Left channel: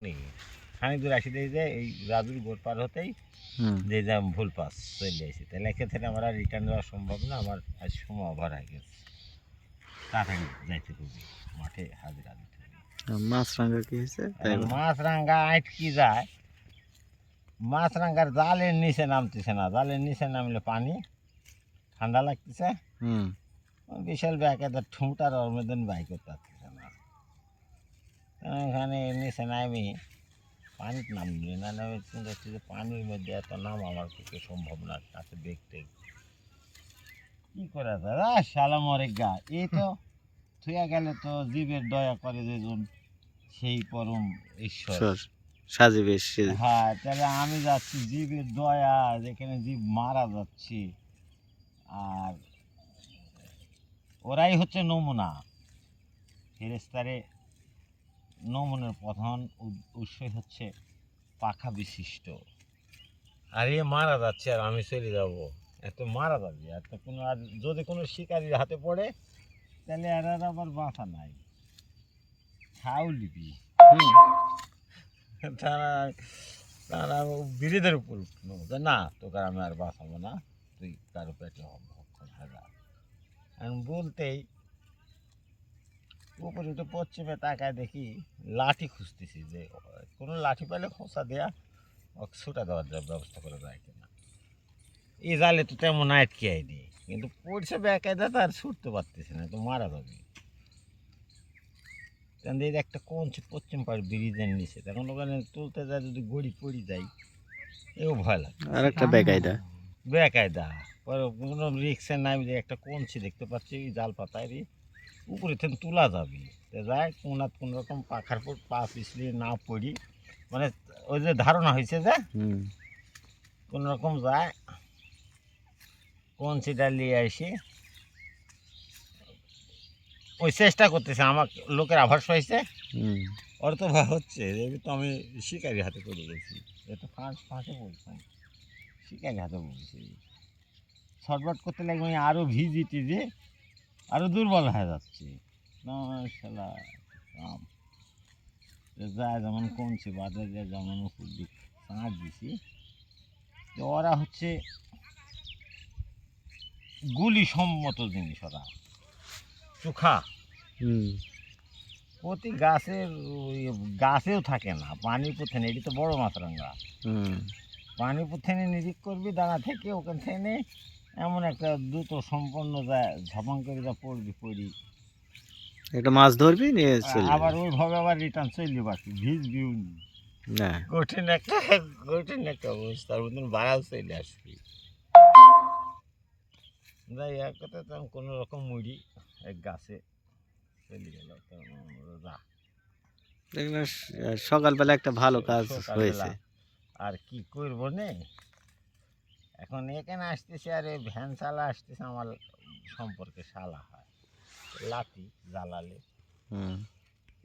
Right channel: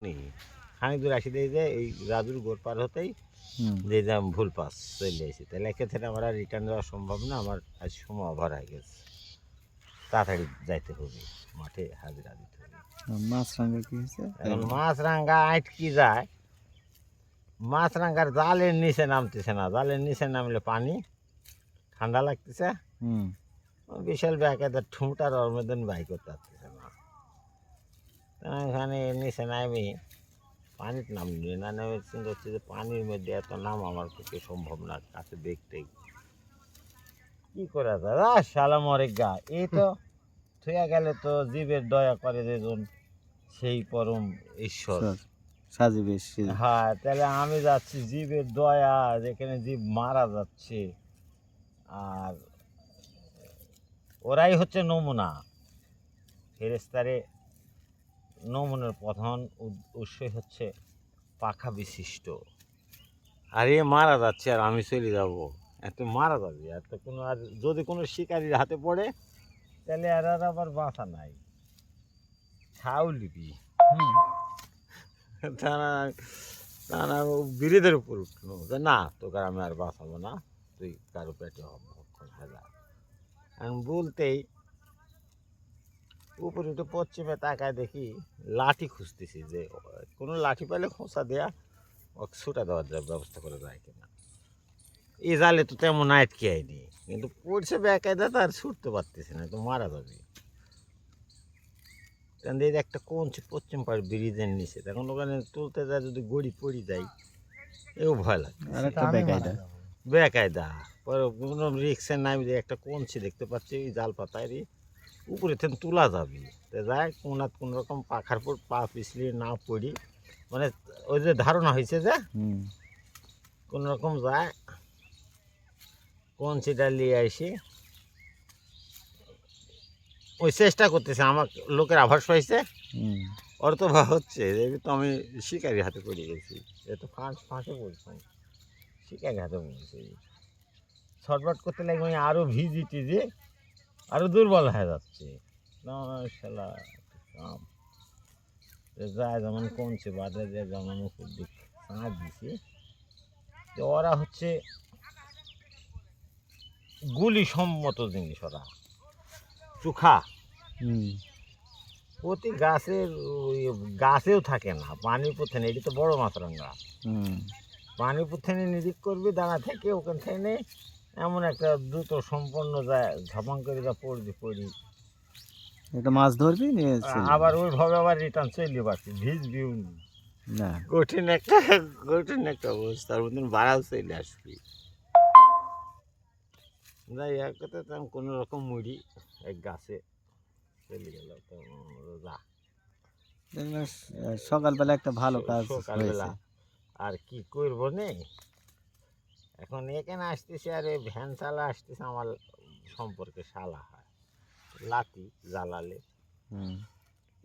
খানিক দূর আসি দেখি যে এই রাজুর গোড় পার হতেই যে ভুল পাস চলে আসি, তাহলে এক্ষেত্রে আমার আর রিটার্ন যাওয়া সম্ভব না। আমার আজ সময় ওভার হয়ে গেছে, তাড়াতাড়ি যাইতে হবে, মাঠে হাজিরা দিতে হবে। মাছরাঙ্গা কি হয়েছে? মাছরাঙ্গা আটকি যায়, মাছরাঙ্গার জালের নিচে নামতেছে না। জালের নিচে নামলে পানি ঠান্ডা লাগতেছে, বিশাল ব্যাকের ঠুঁটার ওর মধ্যে বাই করতে পারতেছে না। এখানে নিচে নামি পানিতে নামলে না নেমে চিন্তা হচ্ছে যে পানির মধ্যে এত নাম আমার পক্ষে সম্ভব না, কাছে দেখতে কি করা যায়। শালা মরে গা, এই তো থুয়া গেলে তো জীবের দয়া করে যেজন সেই পরম ঈশ্বর সাজিবে। হ্যাঁ, তাহলে আমি যাচ্ছি জীবের দয়া, যেখানে জীব মারা যাচ্ছে, আর ওরাই হচ্ছে নমুনা। ফেরেশতারে নমুনার প্রধান উৎসই হচ্ছে পাখা বিশিষ্ট। আর এ মারা যাচ্ছে আর আমি চলে যাব, এত মারা যাবে। এত কোনো, আর যদি কোনো শিকারির হাতে পড়ে তাহলে আর আবার বাঁচা নাই, খাও লিবি। তারা তারা বিড়িদের উপর উঠলো যে না, তোকে আমি আর বাঁচাবো না, তুই কারো পেটে ভক্ষণ হয়ে। আমি বলতেই উপরে উঠে পশ্চিমে তাকায় দেখি লাঠি খুঁজতেছি, যে কোনো লাঠি পেলে খোঁচা দেয়া ওকে ছুটা দেওয়ার ব্যবস্থা করে যায় কিনা। এই জালে তো তেমন আটকে আইনি, কিন্তু পড়ছে বেকায়দা, তার ছুটতে পারতেছে না, তো মারা যাবে। এই একটা কঞ্চি পশ্চিম পাড়ে ব্রিজের নিচে, তখন ওখানে তুলতে যায়, যদি গড়ি পড়ি যায় এও ভয় লাগে। আর একটা বেকায়দা বেকায়দা পরে কোনো রিক্সে নামি যে একটা কঞ্চি দেখতে পাচ্ছি জাল পাতায় উপরে থেকে তোলা যাবে, তো যায় কোনাত কোনো রকম পাখার পর পা পিছলিয়ে না পড়ি, মানে ওই যে ধারণা হয়েছে যে কোনো রকম যায় কঞ্চিটা নিয়ে আসি। ওই চেষ্টা করতেছে, আমার লোকের আভাস পাইছে, ওর তো হচ্ছে যে তো আমি শিকারির হাতে পড়ে গেছি, এ তো ফাঁসে পড়ছি, শিকারির হাতে পড়ছি। ছটফট করতে লাগবে, আমি আরও ভিজি টিজি আরও দুর্বল হয়ে যাচ্ছে না। শালা কাম যায় যেমন কমছে, বাদে যায় যেমন উপর দিক সাঁড় দিছি, তো ওরা হচ্ছে গুলি সম্মত জিনিস, ওরা চোখা প্রতি গাছের গাছেও থাকে না, পানির পথে এটি তো বড় মাছরাঙ্গা, পানির পথে নিরিখ করবি দানা থেকে, ওখান থেকে এমন একটা দ্রুত সম্পন্ন যায়, ঝপাং করে যা পড়বি পড়ি একটা মাছ ধরবি নিয়ে আবার ওইভাবে আবার রিটার্ন চললি পারছি, ভিজবিও না, কঠিন একটা অবস্থার মতন বাড়াও চলে আসবি। যাই এক কথা, তেমন কোনো রকম মুড়ি এক গাছে চলে গেল। দেখলাম সকালবেলা একটা ভালো কাজ হয়েছে। আর কি করবো নে, এখন এখানে আসতেছে, আর এই ভ্যান চালা আসতেছে, আমার সম্পর্কে শালা হয়, লাঠি জ্বালালে